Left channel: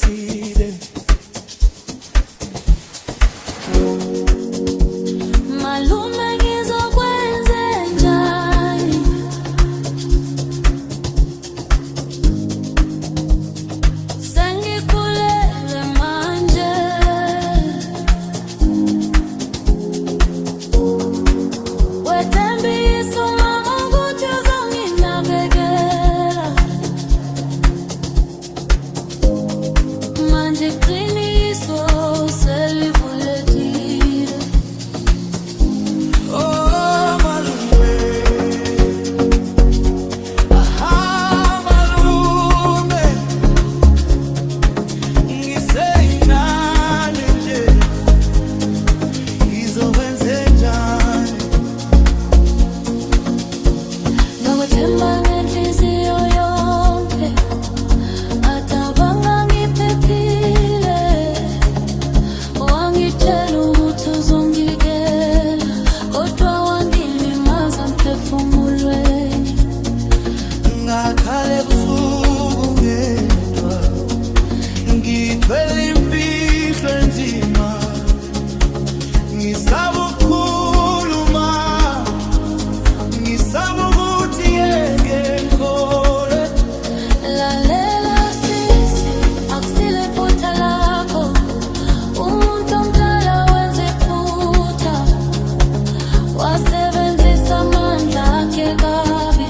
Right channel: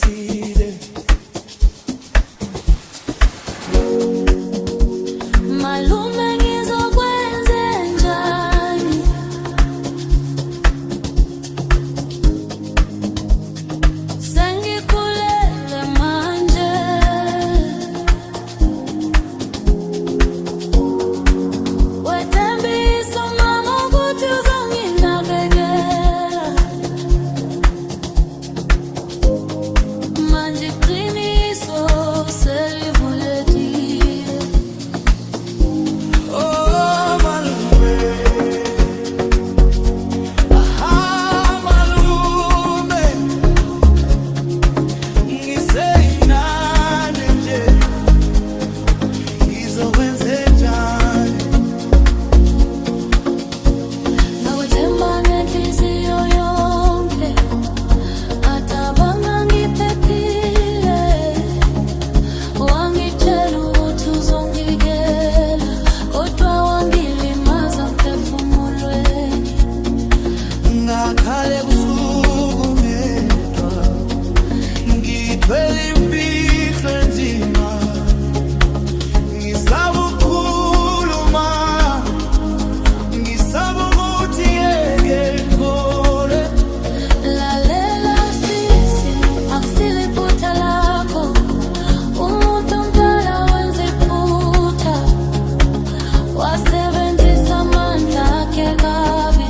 side. Malume ngizokwenze njani? Sengikhulele manje. Wethembisa mama ukuthi uzonginakekela. Manje iqiniso selivulekile. Oh malume, aha malume, ngiseyinani nje, ngizokwenze njani? Ngakwethemba ngenhliziyo yonke, acabanga ngiphephile. Wangitshela ukuthi uzongikela, kodwa wangilimaza emphefumulweni. Ngakhale ebusuku ngedwa, ngithwele imfihlo enzima, ngisaba ukukhuluma, ngisaba ukuthi ngeke ngikholwe. Lalela sisi, akusile iphutha lakho. Umuntu omdala wenza iphutha, wasebenzisa amandla akhe kabi.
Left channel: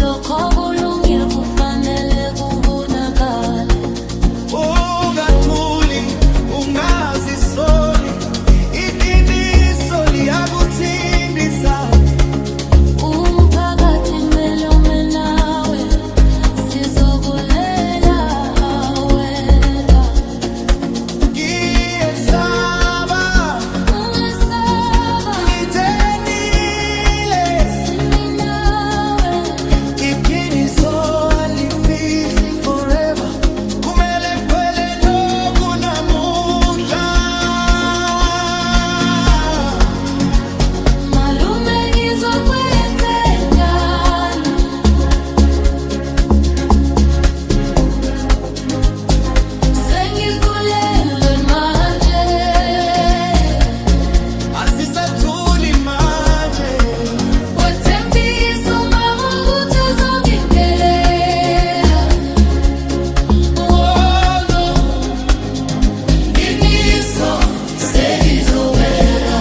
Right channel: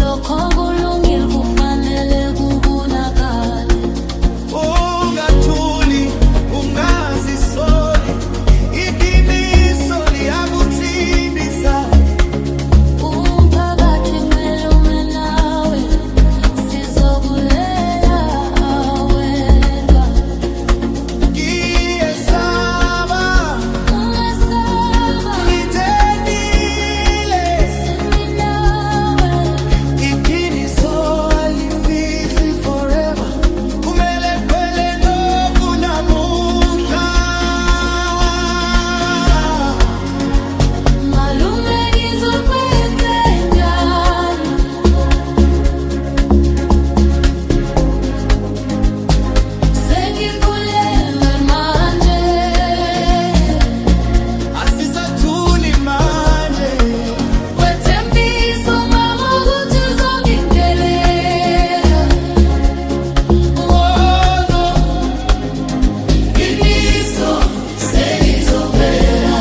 Lokho kulungile, kufanele kubonakale. Ungathuli, ungazisoli, iqiniso liyakuthindisa. Umphakathi kumele ume nawe, sizokulela awedwa. Ngiyesaba, Ungesaba, ngithenile, simi nawe. iqiniso alifihli forever. Kumele kuphele nokunamuhla. Malume ngizokwenze njani? Sengikhulelwe manje. Asisathuli manje, Wethembisa mama ukuthi uzongingelela. wono Iqiniso selizovela.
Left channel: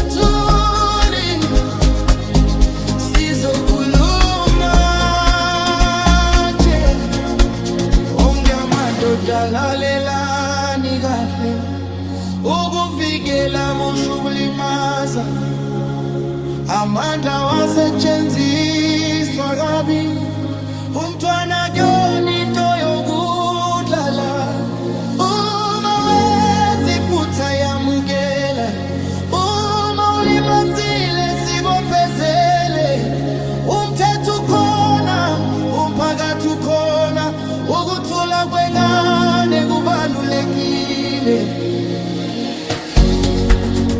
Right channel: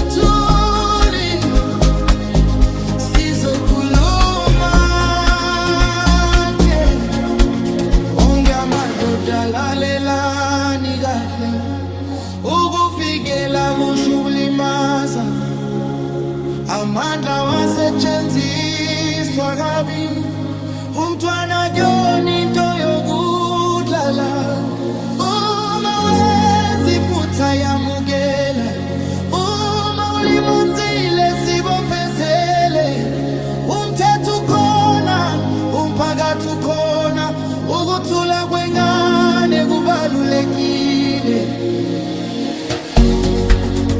asisathuli, sizokhuluma nje. Onke amadoda lalelani kahle, ukuvikela kusho ukulimaza. Amandla wasetshenziswa kabi, umntwana kuyona into yokudlala. Uma wenza iphutha yamukela, uma ulimazile sibophezele. Umthetho ukhona, umphakathi ukhona, ukuthula kwengane kubalulekile.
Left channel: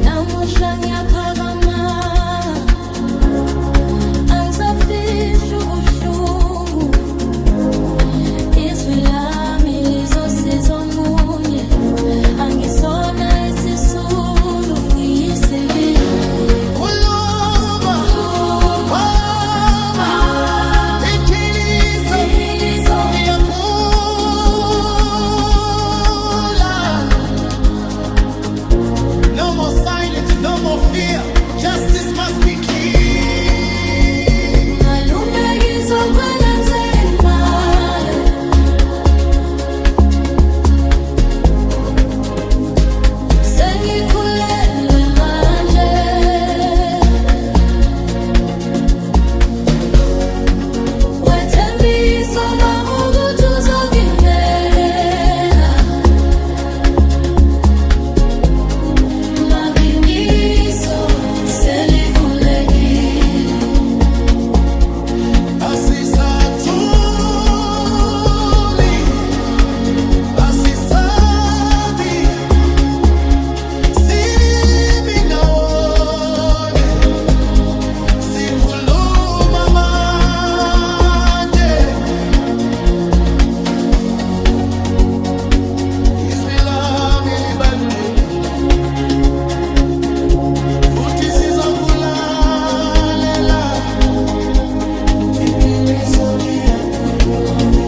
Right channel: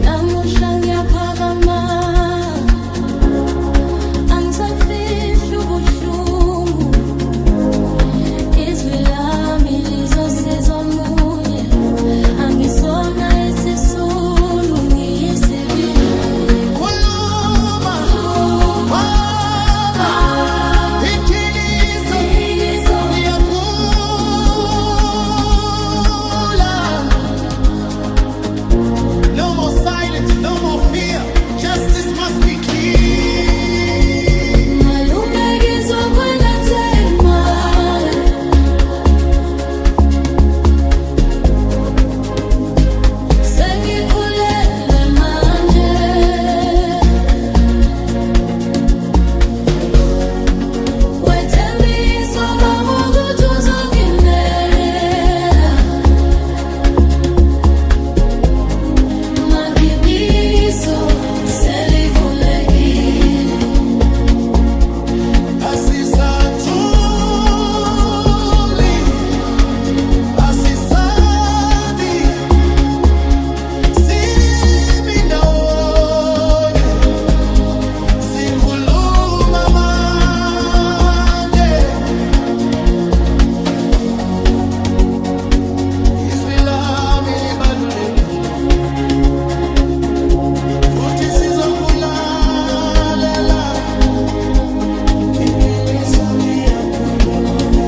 Namuhla ngiyaphakama, angisafihli ubuhlungu. Izwi lami lizosiza omunye, angisona isisulu, ngiyisibindi. Khuluma, mama, iqiniso liyakhula. No more silence, no more fear. Justice must be clear. Malume ngizokwenza imali. Sengikhulelwe manje. Wethembisa mama ukuthi uzonginakekela. Manginiso selivulekile. lokulalela iqiniso liyakhulula